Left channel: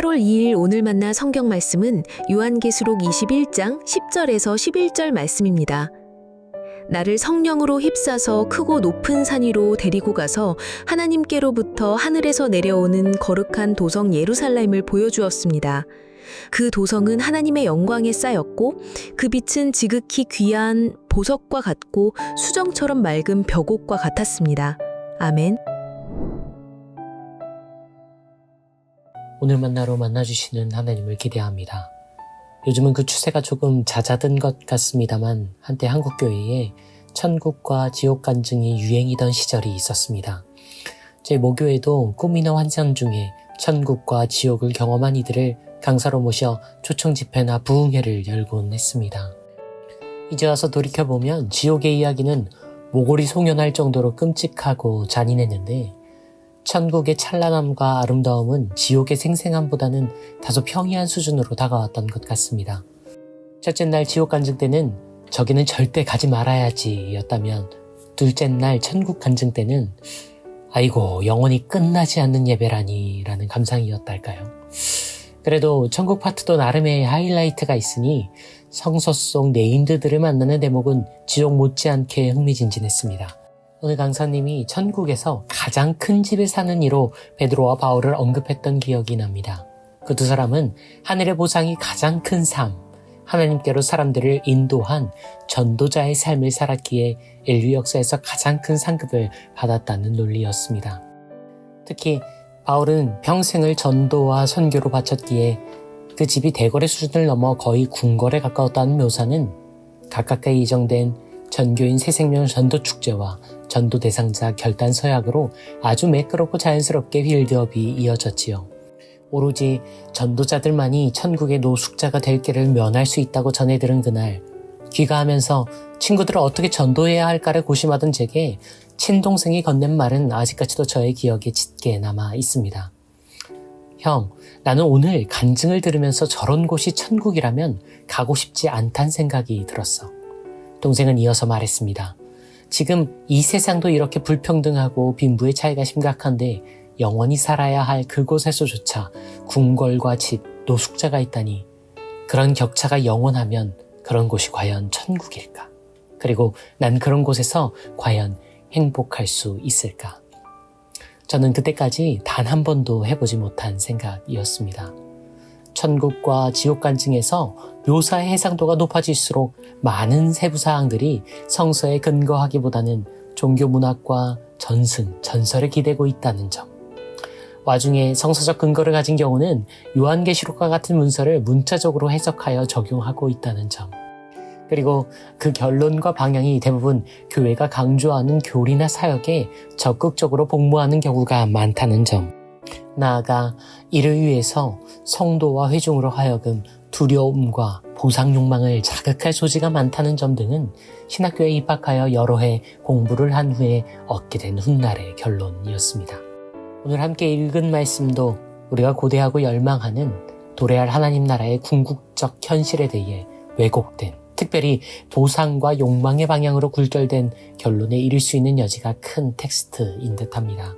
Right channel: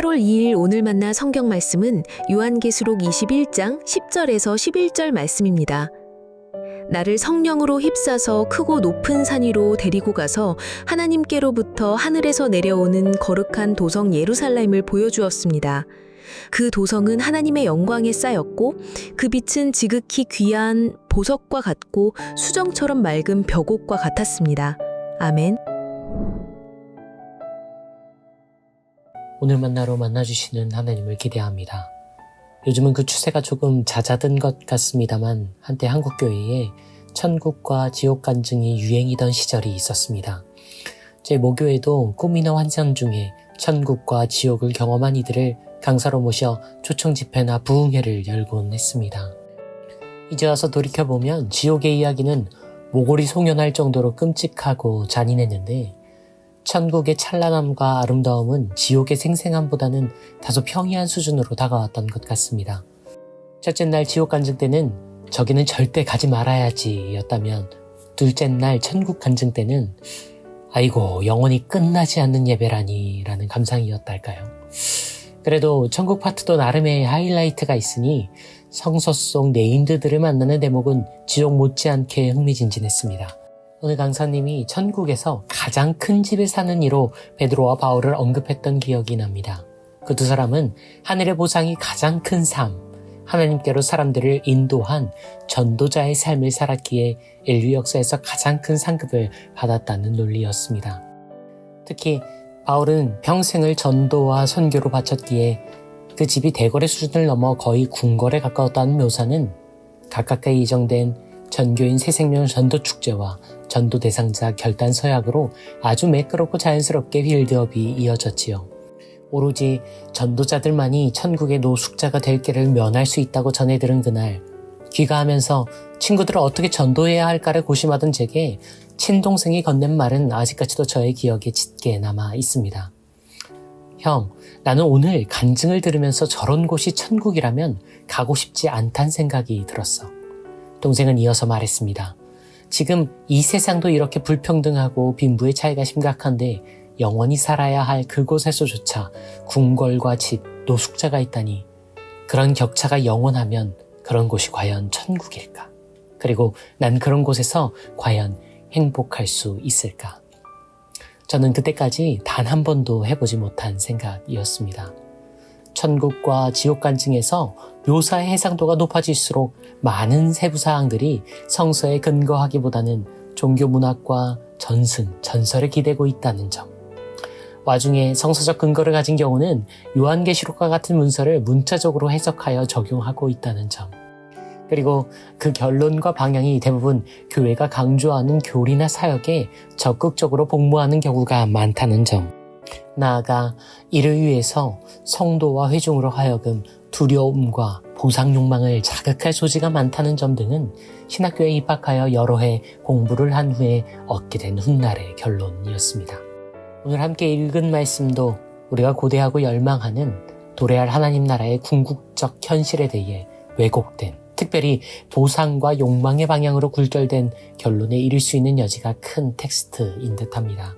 8월 2일 오늘 만나 성경 말씀은 요한계시록 21장 10절에서 11절 말씀입니다. 나를 성령으로 휩싸서 크고 높은 산 위로 데리고 가서 하나님께로부터 하늘에서 내려오는 거룩한 도성 예루살렘을 보여주었습니다. 그 도성은 하나님의 영광에 쌓였고 그 빛은 지극히 귀한 보석과 같고 수정처럼 맑은 벽옥과 같았습니다. 아멘. 오늘 만나로 만나주시는 하나님을 기대합니다. 요즘은 그 추세가 조금 잦아든 것 같습니다만 한때 한국교회에 천국과 지옥 간증이 유행이던 시절이 있었습니다. 제 모교에도 꿈이나 환상 중에 천국과 지옥을 경험한 이들을 강사로 모셔 초청 집회나 부흥회를 열곤 했습니다. 이제 와서 돌이켜보면 지옥의 이야기는 모골이 송연할 정도로 끔찍하고 잔인했는데 천국의 찬란함과 아름다움은 지옥의 생생함보다는 다소 평이한 수준으로 다가왔던 것 같습니다. 첫째 날 지옥 간증 때는 저기는 절대 가지 말아야지 였다면 둘째 날 천국 간증 때는 아이고 영원히 끝나지 않는 예배라니 라는 감상이었달까요. 그래도 천국 파트도 나름의 하이라이트가 있으니 성서 속 네임드들을 만나는 대목은 지옥 못지않게 흥미진진했습니다. 오늘 강사님이 천국에서 가장 큰 집에 사는 이로 베드로와 바울을 언급했던 기억이 납니다. 그 두 사람은 하늘의 보상이 가장 큰 삶, 하나님께로 사람들을 인도한 전도자의 삶을 살았기에 인류 역사에서 가장 큰 상급을 받았다는 논리였습니다. 특히 바울은 평생을 전도와 선교로 바쳤기에 그 집이 대거래 수준을 넘어 거의 궁궐에 가까웠다는 묘사는 가깝게 예정된 전교인 새생명 전도축제와 전도 대상자 결단 서약으로 아주 매끄럽고 자연스럽게 빌드업이 이어졌지요. 오로지 전도자들만이 천국의 노숙자가 될 길을 면할 수 있다고 전해 들은 그날 귀가하면서 친구들을 어떻게 전도해야 할까를 고심하던 제게 친동생이 건넨 말은 아직까지도 저의 기억에 짙게 남아 있습니다. 형, 나는 오늘 간증을 들으면서 저런 곳이 천국이라면 가고 싶지 않단 생각이 들었어. 동생은 이어서 말했습니다. 지금 이 세상도 이렇게 불평등하고 빈부의 차이가 심각한데 영원히 살아야 할 그곳에서조차 궁궐과 집, 노숙자가 있다니 그런 격차가 영원하면 그런 곳이 과연 천국일까? 그리고 난 그런 곳에서 과연 행복할 수 있을까? 저는 그때까지 단 한 번도 해보지 못한 생각이었습니다. 천국과 지옥 간증에서 묘사의 해상도가 높아질수록 많은 세부사항들이 성서에 근거하기보다는 종교 문학과 전승, 전설에 기대고 있다는 점. 와중에 성서적 근거를 가진 경우는 요한계시록과 같은 문서를 문자적으로 해석하여 적용하고 있다는 점. 그리고 그 결론과 방향이 대부분 교회가 강조하는 교리나 사역에 적극적으로 복무하는 경우가 많다는 점. 나아가 이를 위해서 성도와 회중으로 하여금 두려움과 보상 욕망을 자극할 소지가 많다는 점 등은 신학교에 입학하여 여러 해 공부를 한 후에 얻게 된 훗날의 결론이었습니다. 오늘 함께 읽은 말씀도 우리가 고대하고 열망하는 도래할 하나님 나라의 궁극적 현실에 대해 왜곡된, 특별히 보상과 욕망의 방향으로 굴절된 결론에 이를 수 있는 여지가 큰 텍스트인 듯합니다.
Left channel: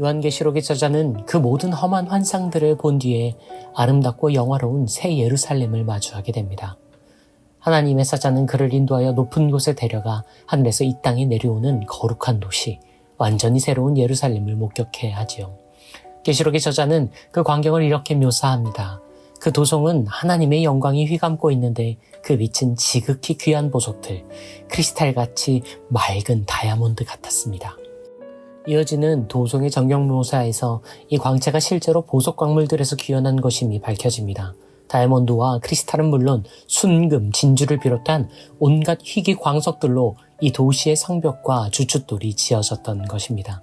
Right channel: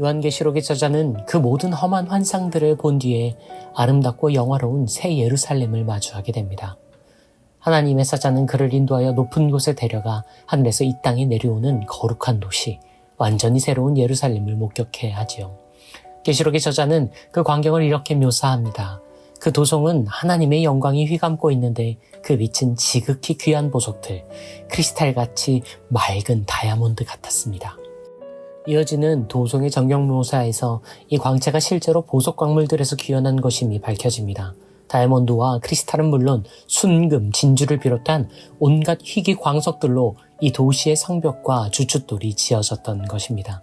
요한계시록의 저자는 그 모든 험한 환상들을 본 뒤에 아름답고 영화로운 새 예루살렘을 마주하게 됩니다. 하나님의 사자는 그를 인도하여 높은 곳에 데려가 하늘에서 이 땅에 내려오는 거룩한 도시, 완전히 새로운 예루살렘을 목격해 하지요. 계시록의 저자는 그 광경을 이렇게 묘사합니다. 그 도성은 하나님의 영광이 휘감고 있는데 그 빛은 지극히 귀한 보석들, 크리스탈같이 맑은 다이아몬드 같았습니다. 이어지는 도성의 전경 묘사에서 이 광채가 실제로 보석 광물들에서 귀환한 것임이 밝혀집니다. 다이아몬드와 크리스탈은 물론 순금, 진주를 비롯한 온갖 희귀 광석들로 이 도시의 성벽과 주춧돌이 지어졌던 것입니다.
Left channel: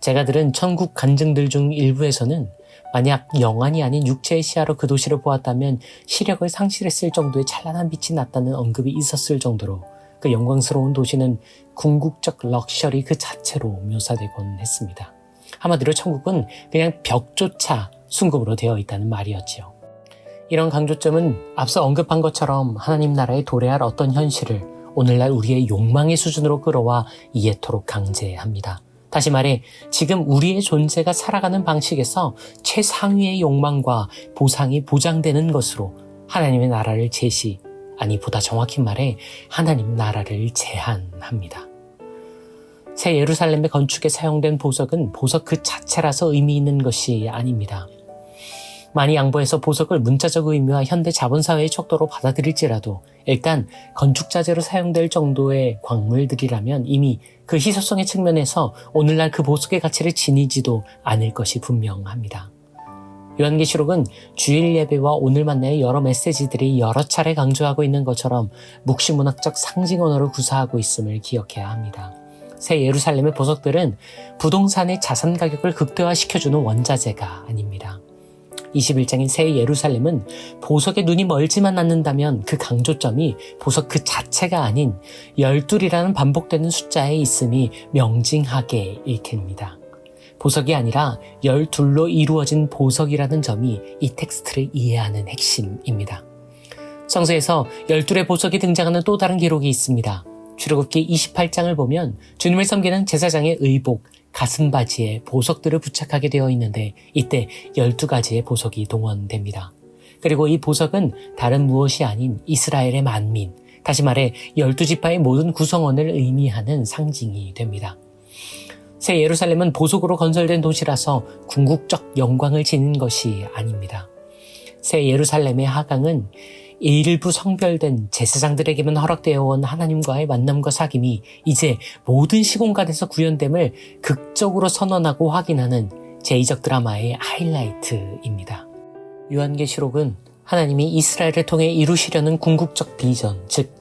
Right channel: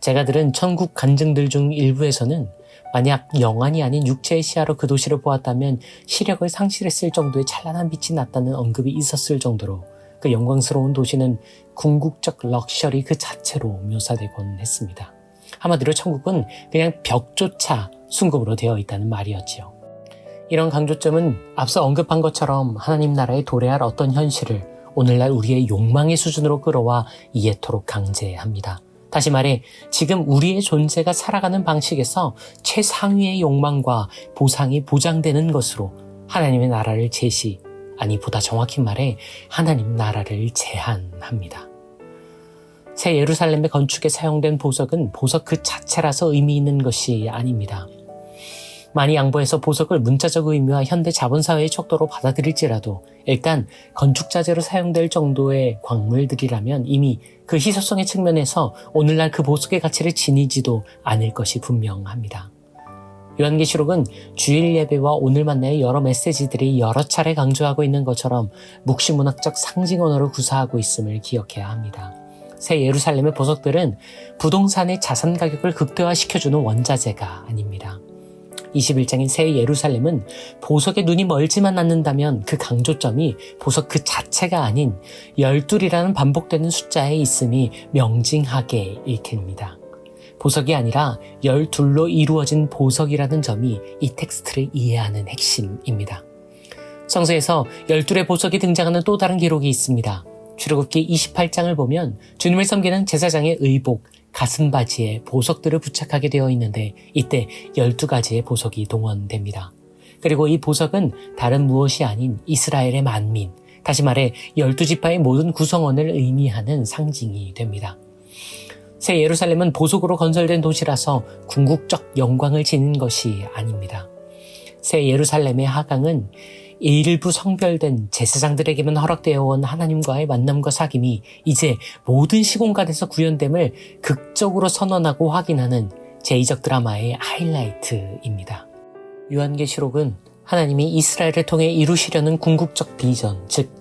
제가 들은 천국 간증들 중 일부에서는 만약 영안이 아닌 육체의 시야로 그 도시를 보았다면 시력을 상실했을 정도의 찬란한 빛이 났다는 언급이 있었을 정도로 그 영광스러운 도시는 궁극적 럭셔리 그 자체로 묘사되곤 했습니다. 한마디로 천국은 그냥 벽조차 순금으로 되어 있다는 말이었지요. 이런 강조점은 앞서 언급한 것처럼 하나님 나라에 도래할 어떤 현실을 오늘날 우리의 욕망의 수준으로 끌어와 이해토록 강제합니다. 다시 말해 지금 우리의 존재가 살아가는 방식에서 최상위의 욕망과 보상이 보장되는 것으로 하나님의 나라를 보다 정확히 말해 하나님 나라를 제한합니다. 새 예루살렘의 건축에 사용된 보석은 보석 그 자체라서 의미 있는 것이 아닙니다. 많이 양보해서 보석을 문자적 의미와 현대 자본사회의 척도로 받아들일지라도 일단 건축자재로 사용될 정도의 광물들이라면 이미 그 희소성의 측면에서 오늘날 그 보석의 가치를 지니지도 않을 것이 분명합니다. 요한계시록은 주일 예배와 오늘 만나의 여러 메시지들이 여러 차례 강조하고 있는 것처럼 묵시문학적 상징 언어로 구사하고 있음을 기억해야 합니다. 새 예루살렘의 보석들은 부동산의 자산 가격을 극대화시켜주는 원자재가 아닙니다. 21장인 새 예루살렘은 보석에 눈이 멀지만 않는다면 그 강조점이 보석 그 자체가 아닌 12이라는 반복되는 숫자에 있음이 명징하게 읽힙니다. 보석이 아니라 12로 이루어진 보석이라는 점이 이 텍스트를 이해하는 핵심입니다. 성서에서 12의 보석이 등장하는 또 다른 기록이 있습니다. 출애굽기 28장을 보면 주님을 섬기는 제사장의 의복, 가슴바지에 보석들을 부착하게 되어 있는데 이때 12가지의 보석이 동원됩니다. 그리고 이 보석은 다른 무엇이 아닌 이스라엘의 만민, 다시 말해 12지파의 모든 구성원을 의미하는 상징이 됩니다. 새 예루살렘은 보석으로 건설된 도시라서 궁극적 영광을 지닌 것이 아닙니다. 새 예루살렘의 하강은 일부 성별된 제사장들에게만 허락되어 온 하나님과의 만남과 사귐이 이제 모든 시공간에서 구현됨을 극적으로 선언하고 확인하는 제2적 드라마의 하이라이트입니다. 요한계시록은 하나님이 이스라엘을 통해 이루시려는 궁극적 비전, 즉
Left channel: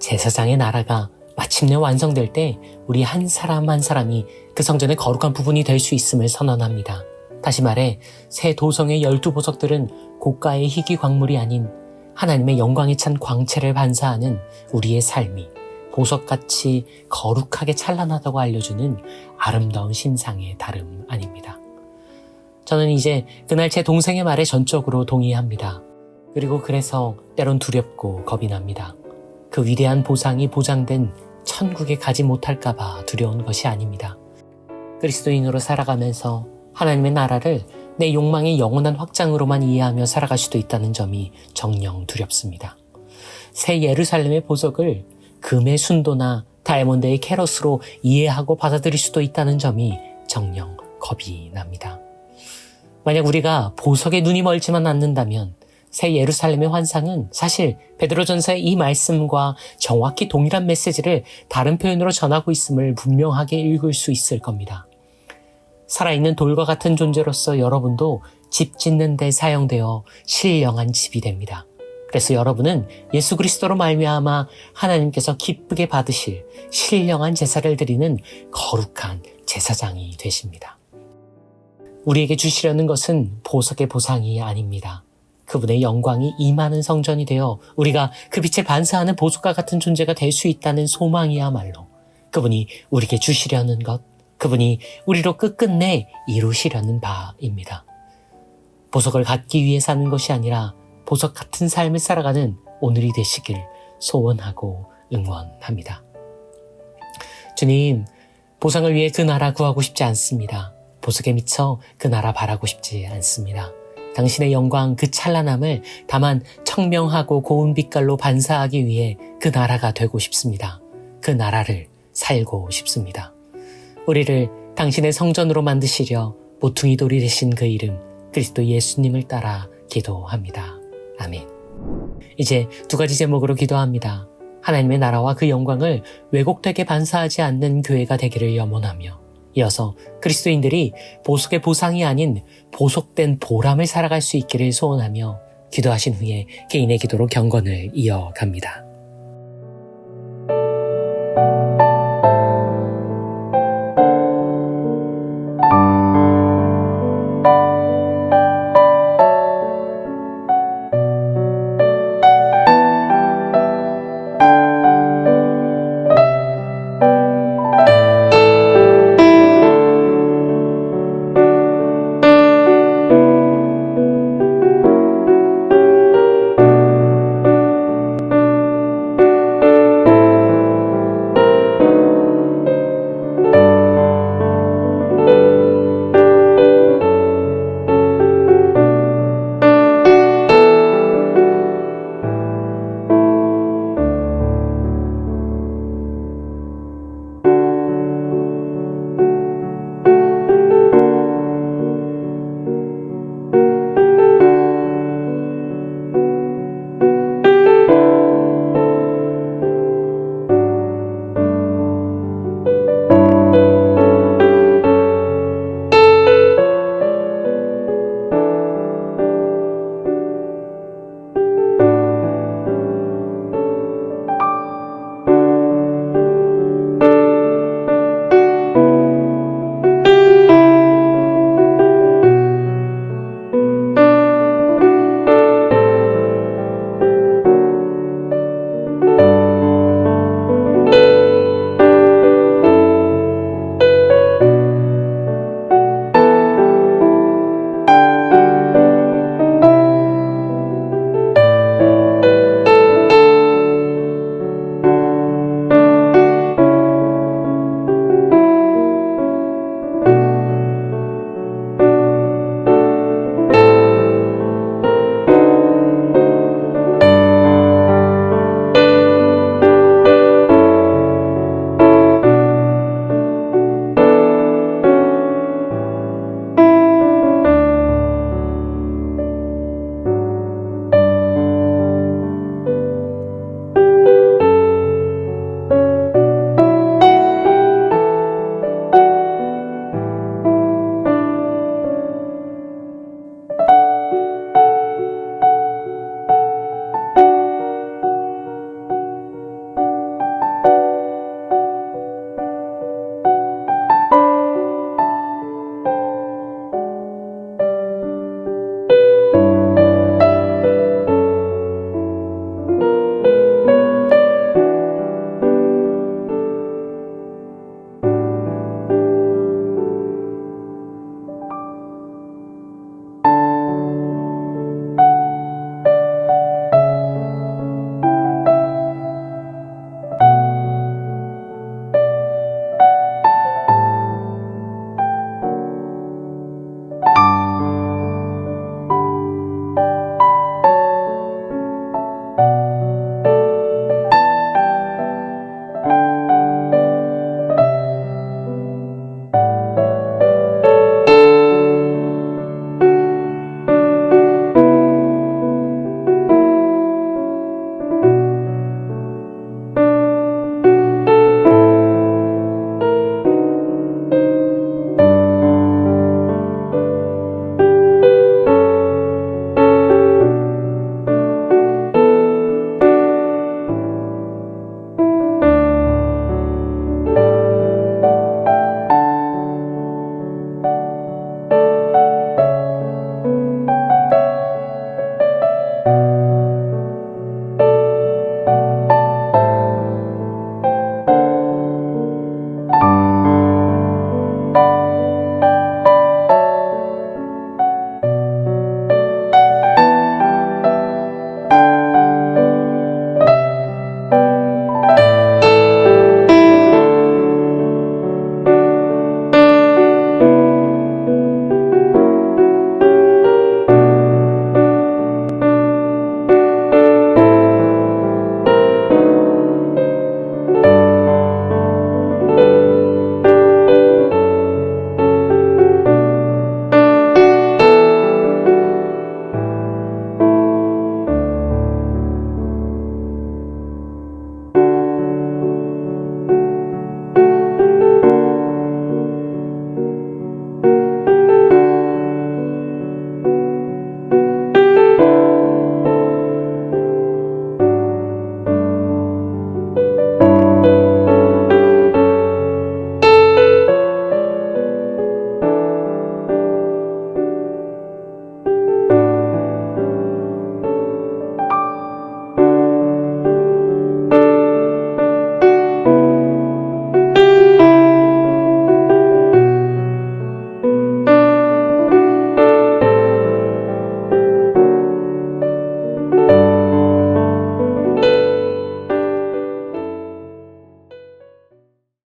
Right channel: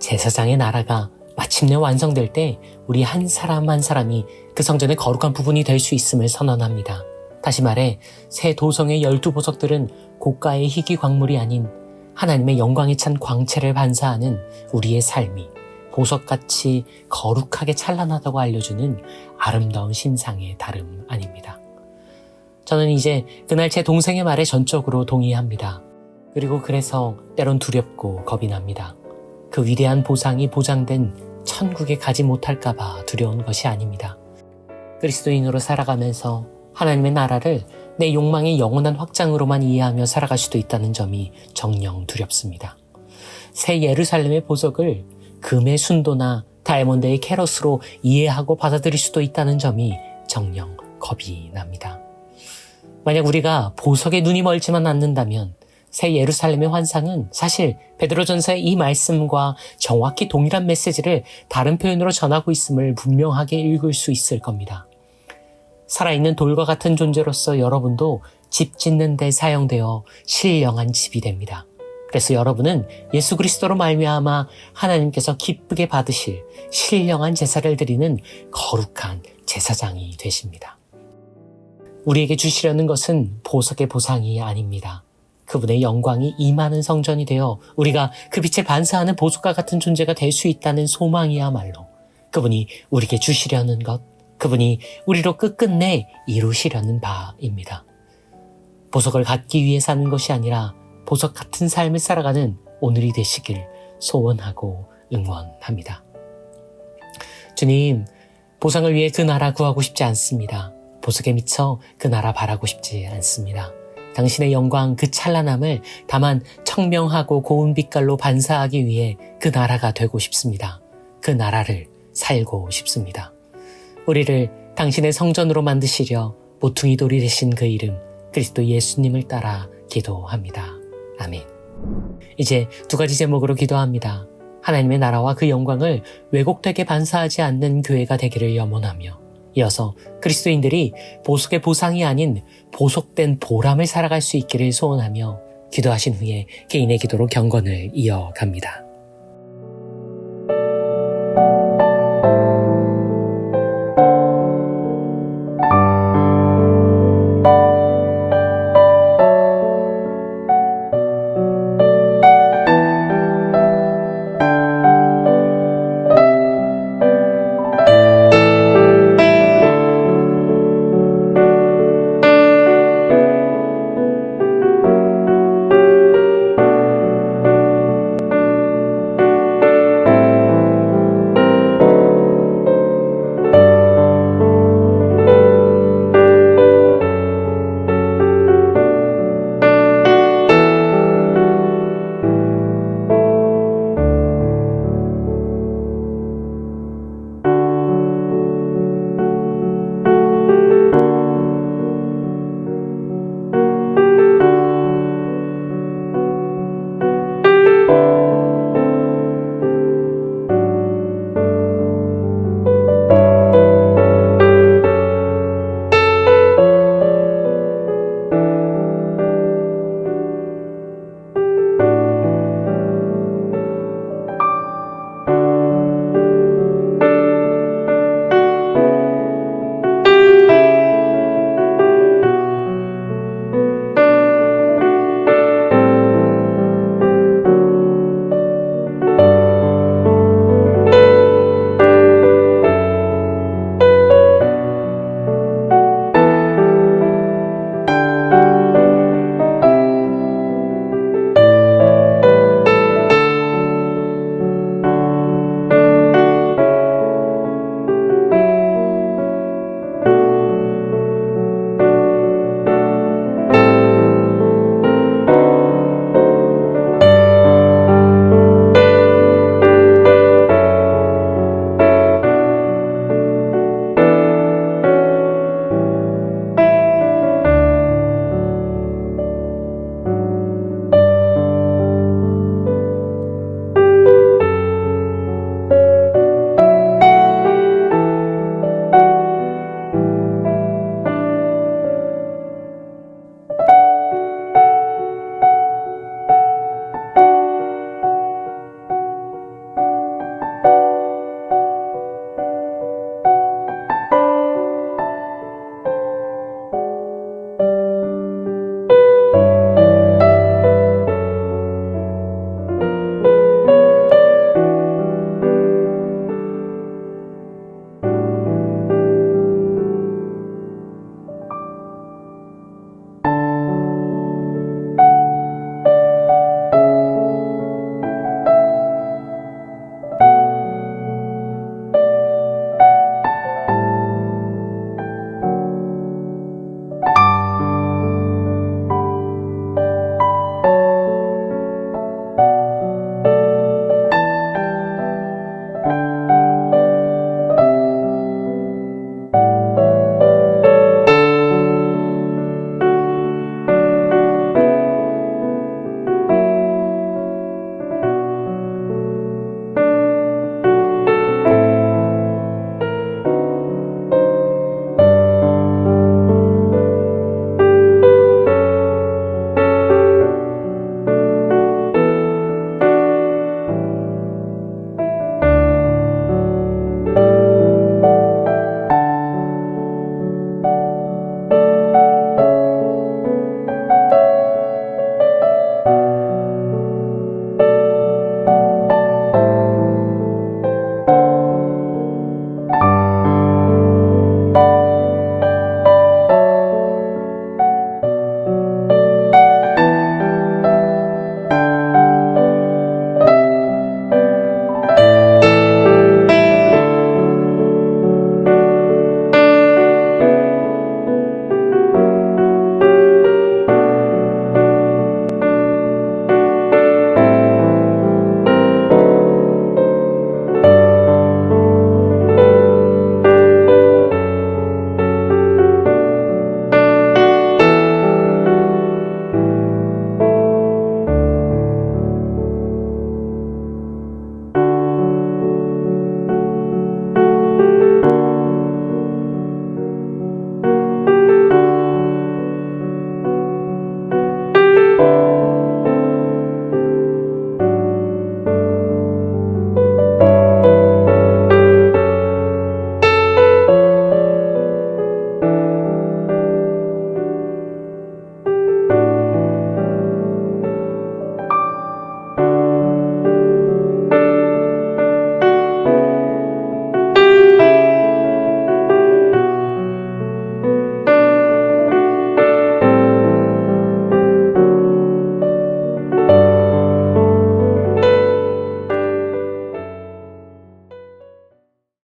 제사장의 나라가 마침내 완성될 때 우리 한 사람 한 사람이 그 성전의 거룩한 부분이 될 수 있음을 선언합니다. 다시 말해 새 도성의 12보석들은 고가의 희귀 광물이 아닌 하나님의 영광에 찬 광채를 반사하는 우리의 삶이 보석같이 거룩하게 찬란하다고 알려주는 아름다운 신상의 다름 아닙니다. 저는 이제 그날 제 동생의 말에 전적으로 동의합니다. 그리고 그래서 때론 두렵고 겁이 납니다. 그 위대한 보상이 보장된 천국에 가지 못할까봐 두려운 것이 아닙니다. 그리스도인으로 살아가면서 하나님의 나라를 내 욕망의 영원한 확장으로만 이해하며 살아갈 수도 있다는 점이 정녕 두렵습니다. 새 예루살렘의 보석을 금의 순도나 다이아몬드의 캐럿으로 이해하고 받아들일 수도 있다는 점이 정녕 겁이 납니다. 만약 우리가 보석에 눈이 멀지만 않는다면 새 예루살렘의 환상은 사실 베드로전서의 이 말씀과 정확히 동일한 메시지를 다른 표현으로 전하고 있음을 분명하게 읽을 수 있을 겁니다. 살아있는 돌과 같은 존재로서 여러분도 집 짓는 데 사용되어 신령한 집이 됩니다. 그래서 여러분은 예수 그리스도로 말미암아 하나님께서 기쁘게 받으실 신령한 제사를 드리는 거룩한 제사장이 되십니다. 우리에게 주시려는 것은 보석의 보상이 아닙니다. 그분의 영광이 임하는 성전이 되어 우리가 그 빛을 반사하는 보석과 같은 존재가 될 수 있다는 소망이야말로 그분이 우리에게 주시려는 것, 그분이 우리로 끝끝내 이루시려는 바입니다. 보석을 갖기 위해 사는 것이 아니라 보석 같은 삶을 살아가는 오늘이 되시길 소원하고 응원합니다. 주님, 보상을 위해 그 나라 구하고 싶지 않습니다. 보석에 미쳐 그 나라 바라고 싶지 않습니다. 당신의 영광 그 찬란함을 다만 청명하고 고운 빛깔로 반사하기 위해 그 나라가 되고 싶습니다. 그 나라를 살고 싶습니다. 우리를 당신의 성전으로 만드시려 모퉁이 돌이 되신 그 이름 그리스도 예수님을 따라 기도합니다. 아멘. 이제 두 가지 제목으로 기도합니다. 하나님의 나라와 그 영광을 왜곡되게 반사하지 않는 교회가 되기를 염원하며 이어서 그리스도인들이 보석의 보상이 아닌 보석된 보람을 살아갈 수 있기를 소원하며 기도하신 후에 개인의 기도로 경건을 이어갑니다.